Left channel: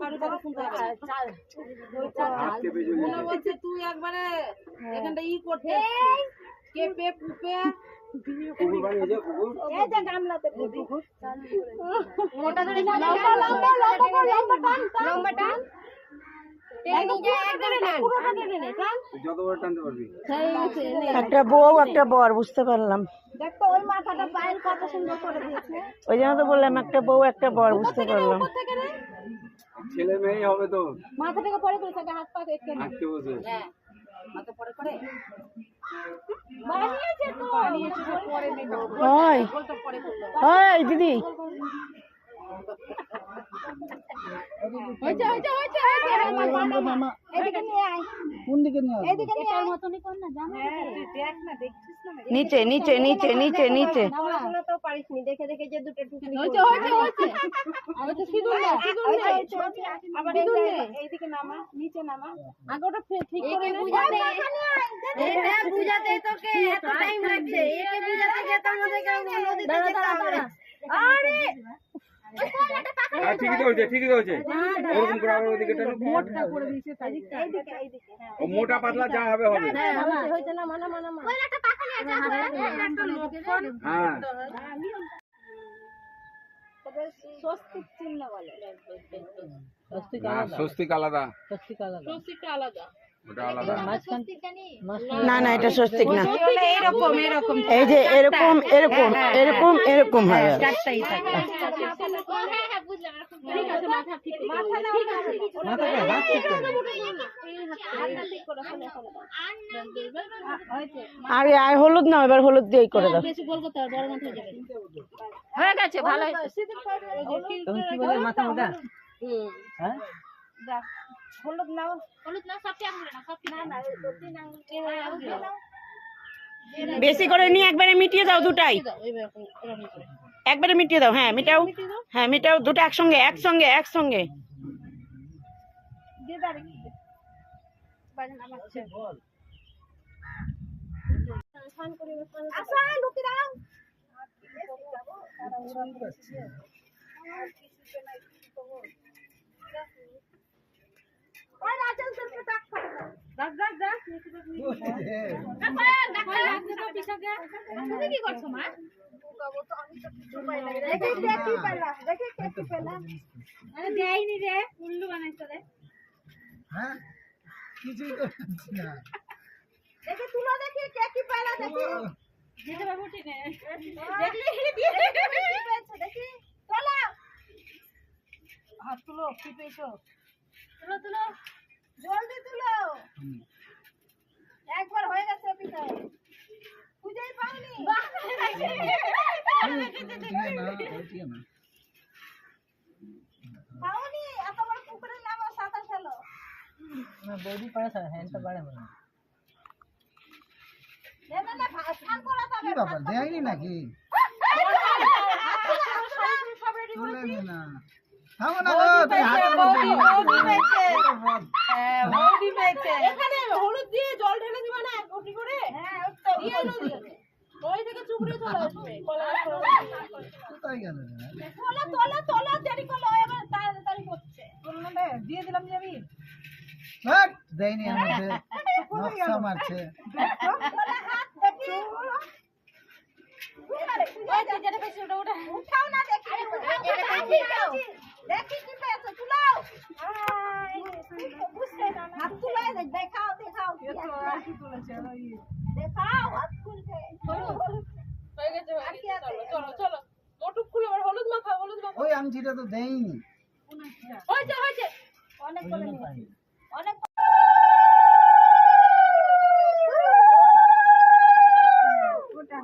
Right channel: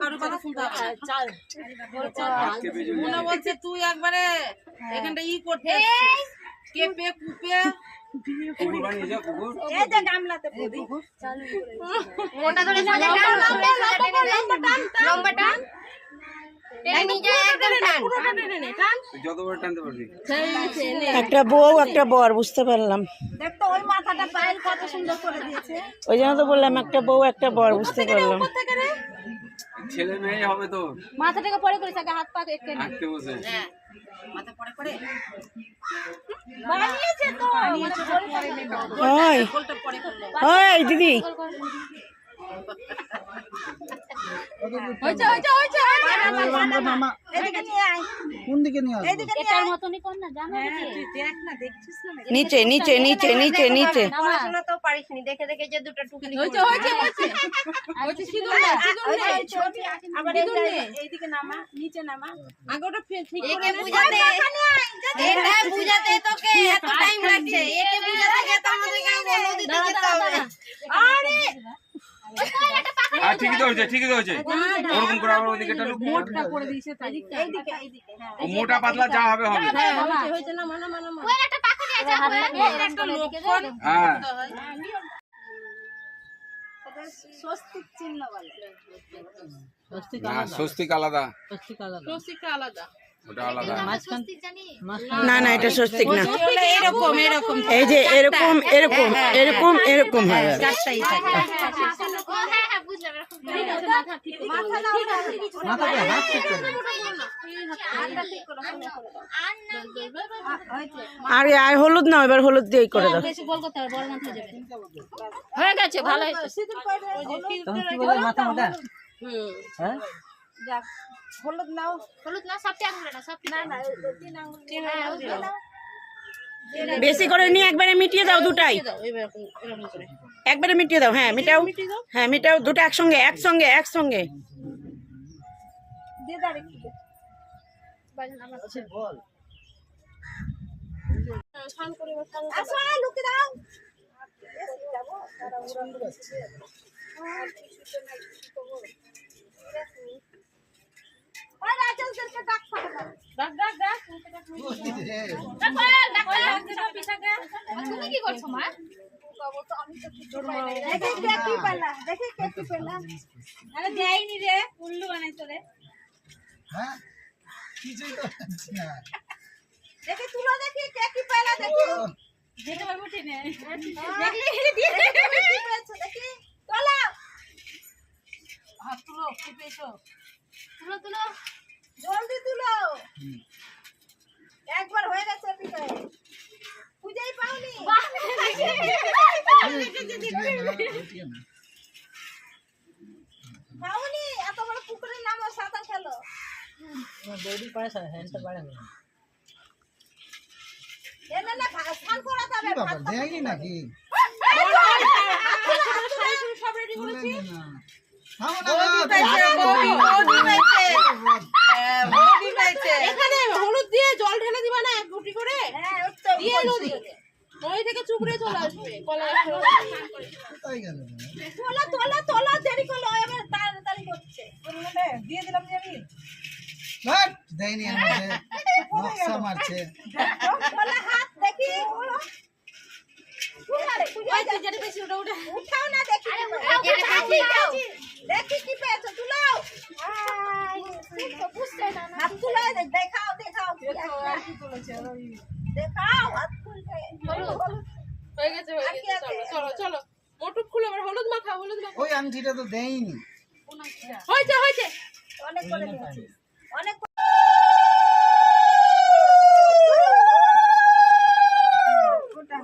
কারো কথা শুনতে হবে না বলছে তুই একবারে এখানটা ই করতে কেপে কুপে কুকুর বানিয়ে যাও কুকুর এই যে গামলাতে কুকুর চালু করে মোটা ধরে সোজা টান লম্বা টান একটা বউ একটা বর বুঝতে পারলাম। দেখতো ওই মাথাটা পায়ের কত সুন্দর করে দিয়েছে। ওই জন্য তো বললাম একটা বউ একটা বর বুঝতে পারলাম। ছেলে মেয়ে হবে তো মাথাটাকে পরে করে থাকে হাত পা একটু আটকে বসে মাথা পরে করে বানিয়েছে তো বানিয়েছে পরে নেবে ওই গোলটা পরে করলো ওই দিদি হইছে এদিকে নিয়ে আয় কোন দিকে নিয়ে আসবো? এদিকে নিয়ে আয় মতনই কর না জানো তুই দেখ না দেখছিস না নিচে নিচে নিচে নিচে নিচে পড়াশোনা তো পারিসনি দেখে দেখে যে দুটো টুকলি হইছে সিঁদুর নে আবার এইদিকে নামা নিচে নামা আগে ওটা ঠিক করে একে বুঝাতে এটা বুঝাতে তোকে এত টাইম লাগছে একে বুঝাতে গিয়ে তো আমাদের নদীতে যেতে হবে আরে ঠিকই তো হয়েছে ঠিকই তো হয়েছে ওরকম করে আবার ওইদিকে মোটটা করে দিয়েছে তাই এইদিকে এইদিকে হ্যাঁ ও মোটা পাতলা যা হবে হবে হ্যাঁ হইছে না মানা ওই একটা পাখা নিয়ে যা একটা লক্ষণ হ্যাঁ ওদের স্বস্তিক চিহ্ন বলে না স্বস্তিক আলাদা স্বস্তিকটা আলাদা ওটা আলাদা না না এটা স্বস্তিক না এরকম এরকম এই যে এরকম এরকম এরকম এরকম হয় চারটাই থাকে মাথাকে হাত ঠিক করে আর আর হলুদ না এবার হলুদ দিয়েই করে দাও। বেশি বল করতে হবে বড় মাথা হয়ে যাবে হয়ে গেছে ভালো হয়েছে তুমি কি বলে মাথা ওটা হ্যাঁ যাক হলুদ নাও সবটি আঙুল না সবটি না না তিন আঙুল বেশি করে নিয়ে একবারে মিটিয়ে দাও দুটাই এরকম করে একবারে মিটিয়ে দাও। হ্যাঁ মিটাও হ্যাঁ মিটাও দুটো একসঙ্গে একসঙ্গে একসঙ্গে দিয়ে দাঁড়ে কি বাজন আমার বল ছান করে আসো লুকি দাও যাবো সারা উড়ান আর কিছুতে নাই কি করব ওই রাজলদেরকে ডাক ফাটা ডাক পিছাকে তুমি কি করছো মা দেখি কে কি পেলা আরে দেইনি রে উল্লু বানাইছো রে হ্যাঁ কিছুই তো হচ্ছে না দেখি তুলো দেখি কে কি পেলা দেখি যেতে পারবো টেনে দেখি দিয়ে কি পেয়েছো দেখি তোলা হাত তুলো কি পেয়েছো তুলো জলদি তুলো একবার হয়ে গেছে পিঠে পূজাই পাওনি পাওনি এত বড় পুকুরের নাম সাঁতার খেলো বডি পারে হ্যান্ডটা পারে না এনে না স্নান করা যাবে কি বাবা দেয়নি নাকি সব রেডি তুলে নে না থামো না এখানে হলুদ দিয়ে জল ঢেলে দিবা না এক ঘটি করে হ্যাঁ দিয়ে নদী ওই থেকে চুবড়ে চলে আসবে কোথায় গেল তোলা দেরি করলো এবার তাড়াতাড়ি করছে দিয়ে দিলাম যে আমি বাট দেয়নি আমাকে নকশা মারছে তোলা হাত দেখি উঠাও না দেখি দেখি কি পেয়েছো তুলাও হাত তুলায় দেখাও দেখাও দেখাও হাত খুলতে হয়ে গেছে চলো মোটু খুলে আবার হলুদ মাখা ওই আংটিটা তো দেয়নি হয়েছে অনেক করে নিয়েছি অনেক ওটা